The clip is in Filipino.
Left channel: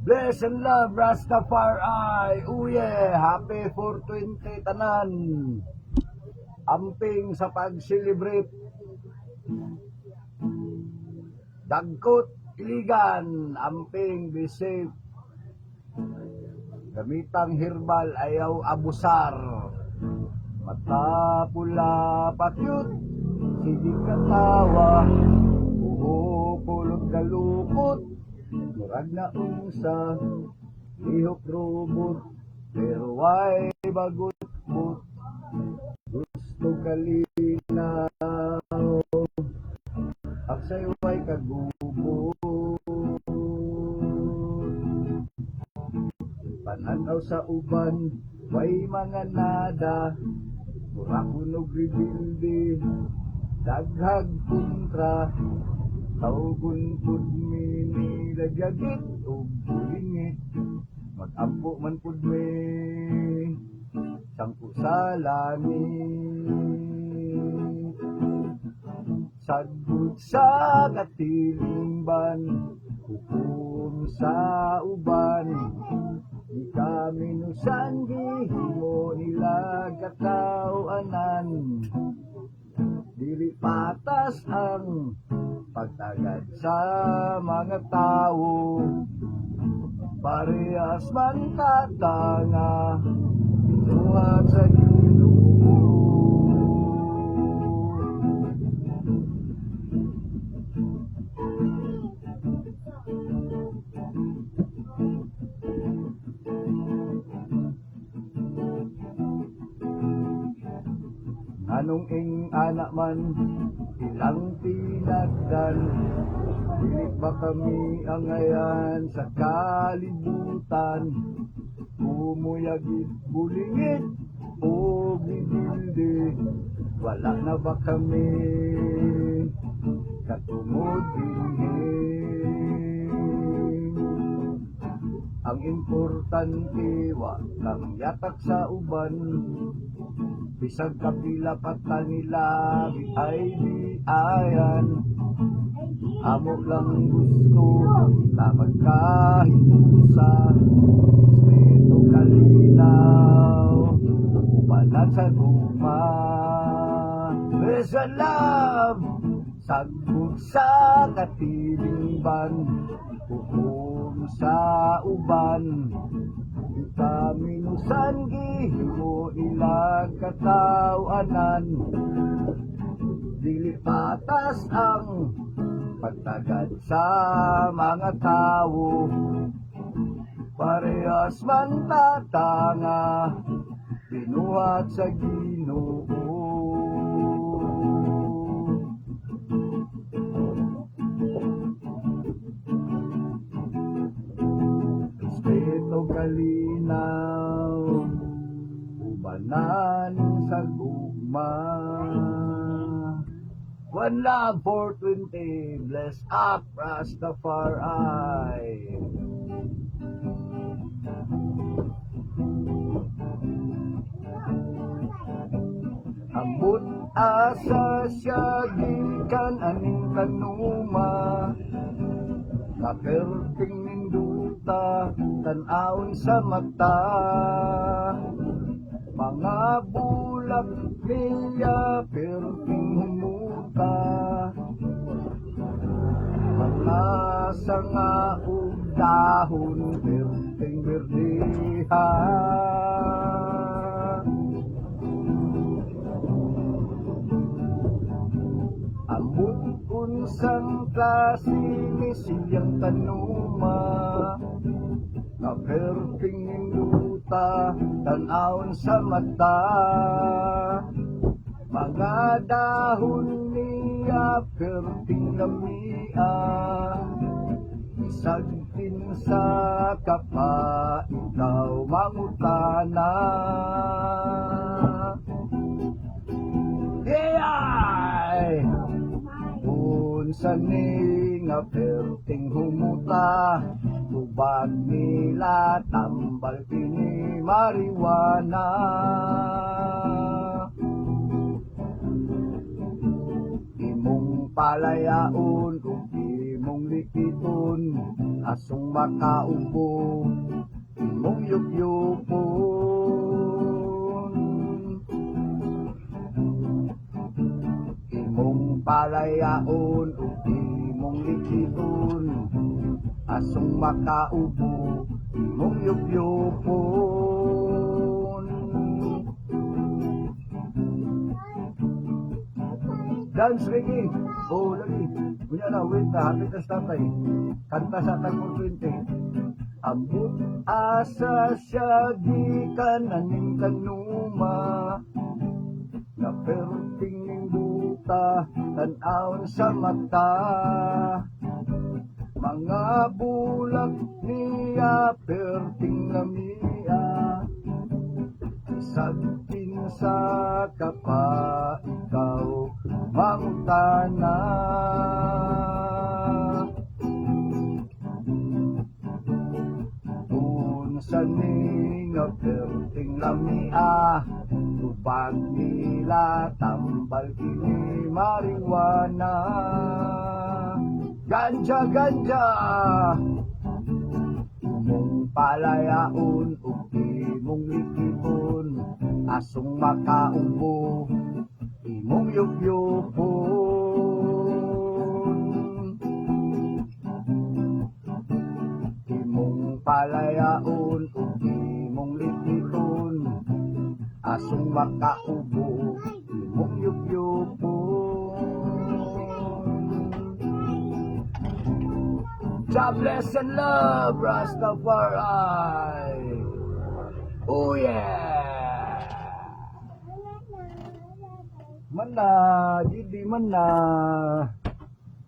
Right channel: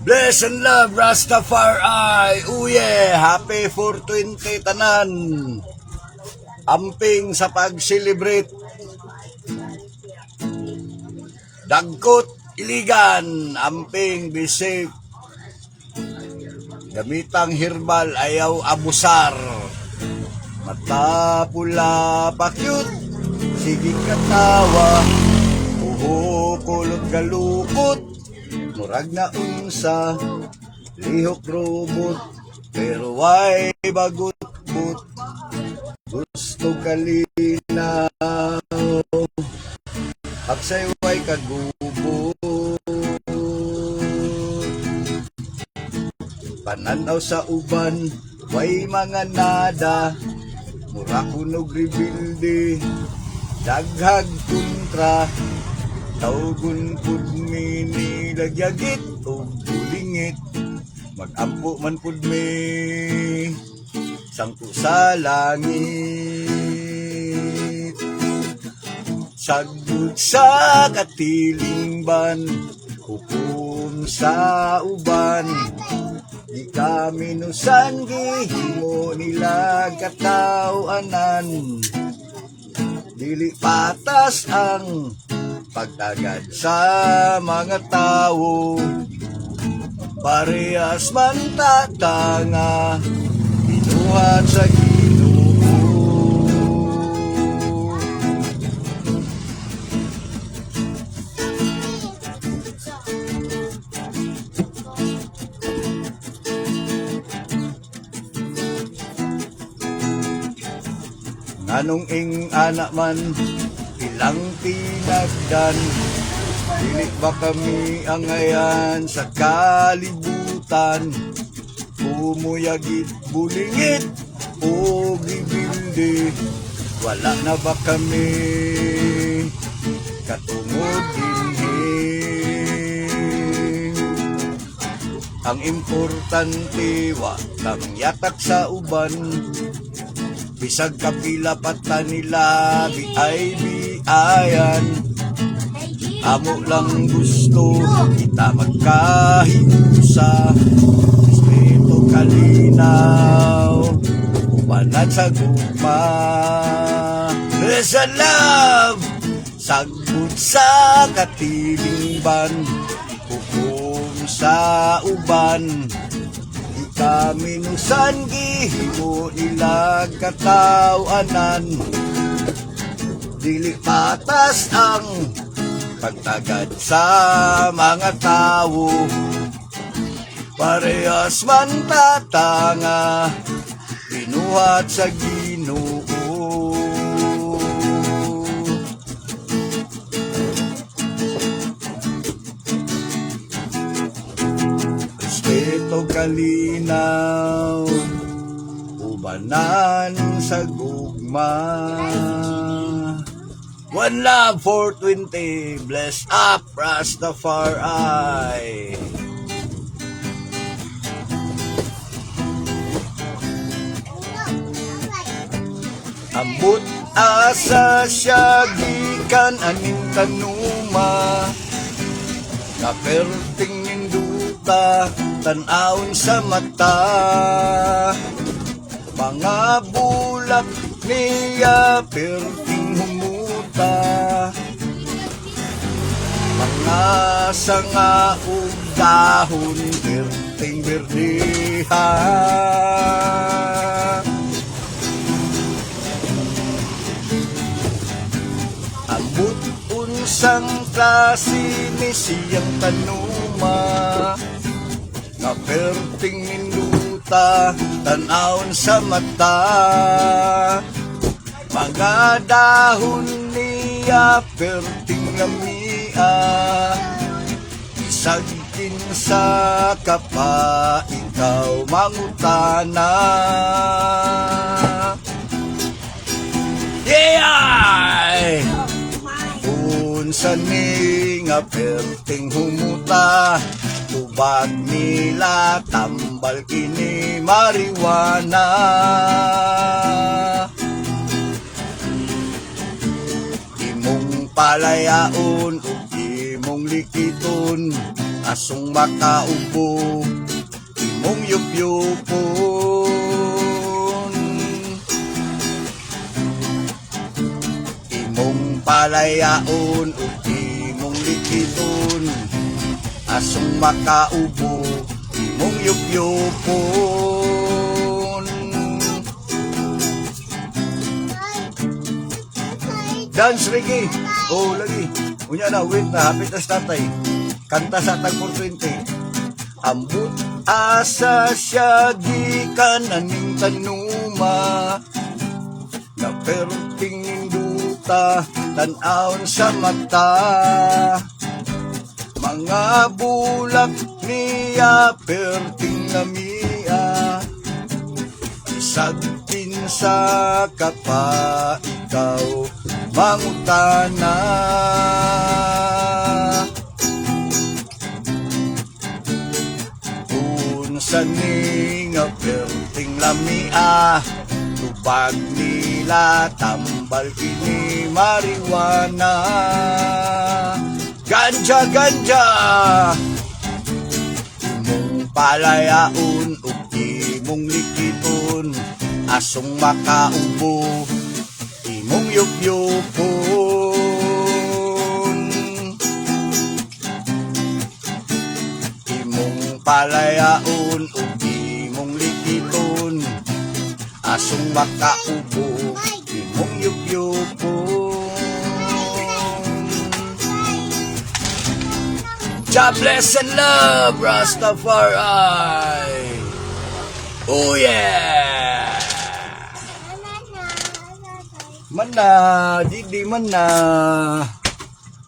Bless and love, Rastafari. Oh yeah, happy 420 tanan. Amping sa pag-celebrate. Dagkot, iligan, amping, be safe. Gamitang herbal, ayaw abusar. Mata pula pa cute, sige katawa. Uho, kulot galupot. Murag na unsa, lihok robot, pero why bagot-but. Gusto kalinaw, aksay way kagubo. Pananaw sa uban, way mga nada, mura kunog rebilde, daghag kontra. Taugun pud mi nilagyagit o bulingit, magampo man pud mi sangko sa langit. Sagud sa katilingban, hukom sa uban, di kami nusan gihimo nila katawanan. Dili patas ang pagtagad sa mga tao, parehas man tatanga, binuhat sa Ginoo. Nganong ing anak man ilang tinagdan, dili ba kami angayan sa kalibutan? Umuyagit, bulingit, o gibilde, wala na ba kami katungod dinhi? Ang importante, wakang yatak sa uban, bisag kapila pata nila, biay-biayan. Amo lang gusto kita magkahiusa, respeto kalinaw, ubanat sa guma. Sa love, sagud sa katilingban, hukom sa uban, di kami nusan gihimo nila katawanan. Dili patas ang pagtagad sa mga tao, parehas man tatanga, binuhat sa Ginoo. Respeto kalinaw, ubanan sa gugma. One love, 420, bless up, Rastafari. Ambot asa siya gikan aning tanuma, kaperting ninduta, tanawon sa mata. Mga bulak niya perting humuta, mga sanga ug dahon perting berdiha. Ambot unsang klase ni siyang tanuma, nga perting ninduta, tanawon sa mata. Mga dahon niya perting lamia, isagkin sa kapa, ikaw mangutana. Yeah! Unsa ni nga perting humuta, tubag nila tambal kini marijuana. Imong palayaon ug imong likiton, asong makaubo, imong yup-yupon. Imong palayaon o imong likiton, asong makaubo, imong yup-yupon. Dance reggae. Oh, lagi. Unya na, wait na. Hapit na sa tatay. Kanta sa tag 420. Ambot asa siya gikan aning tanuma. Na perting ninduta, tan-aon sa mata. Mga bulak niya, perting lamia. Isagtin sa kapa, ikaw mangutana. Unsa ni nga perting lamia, tubag nila tambal kini marijuana. Ganja, ganja. Imong palayaon ug imong likiton, asong makaubo, imong yup-yupon. Imong palayaon ug imong likiton, asong makaubo, imong yup-yupon. God bless and love, Rastafari. Oh yeah. Mana, Didi mana.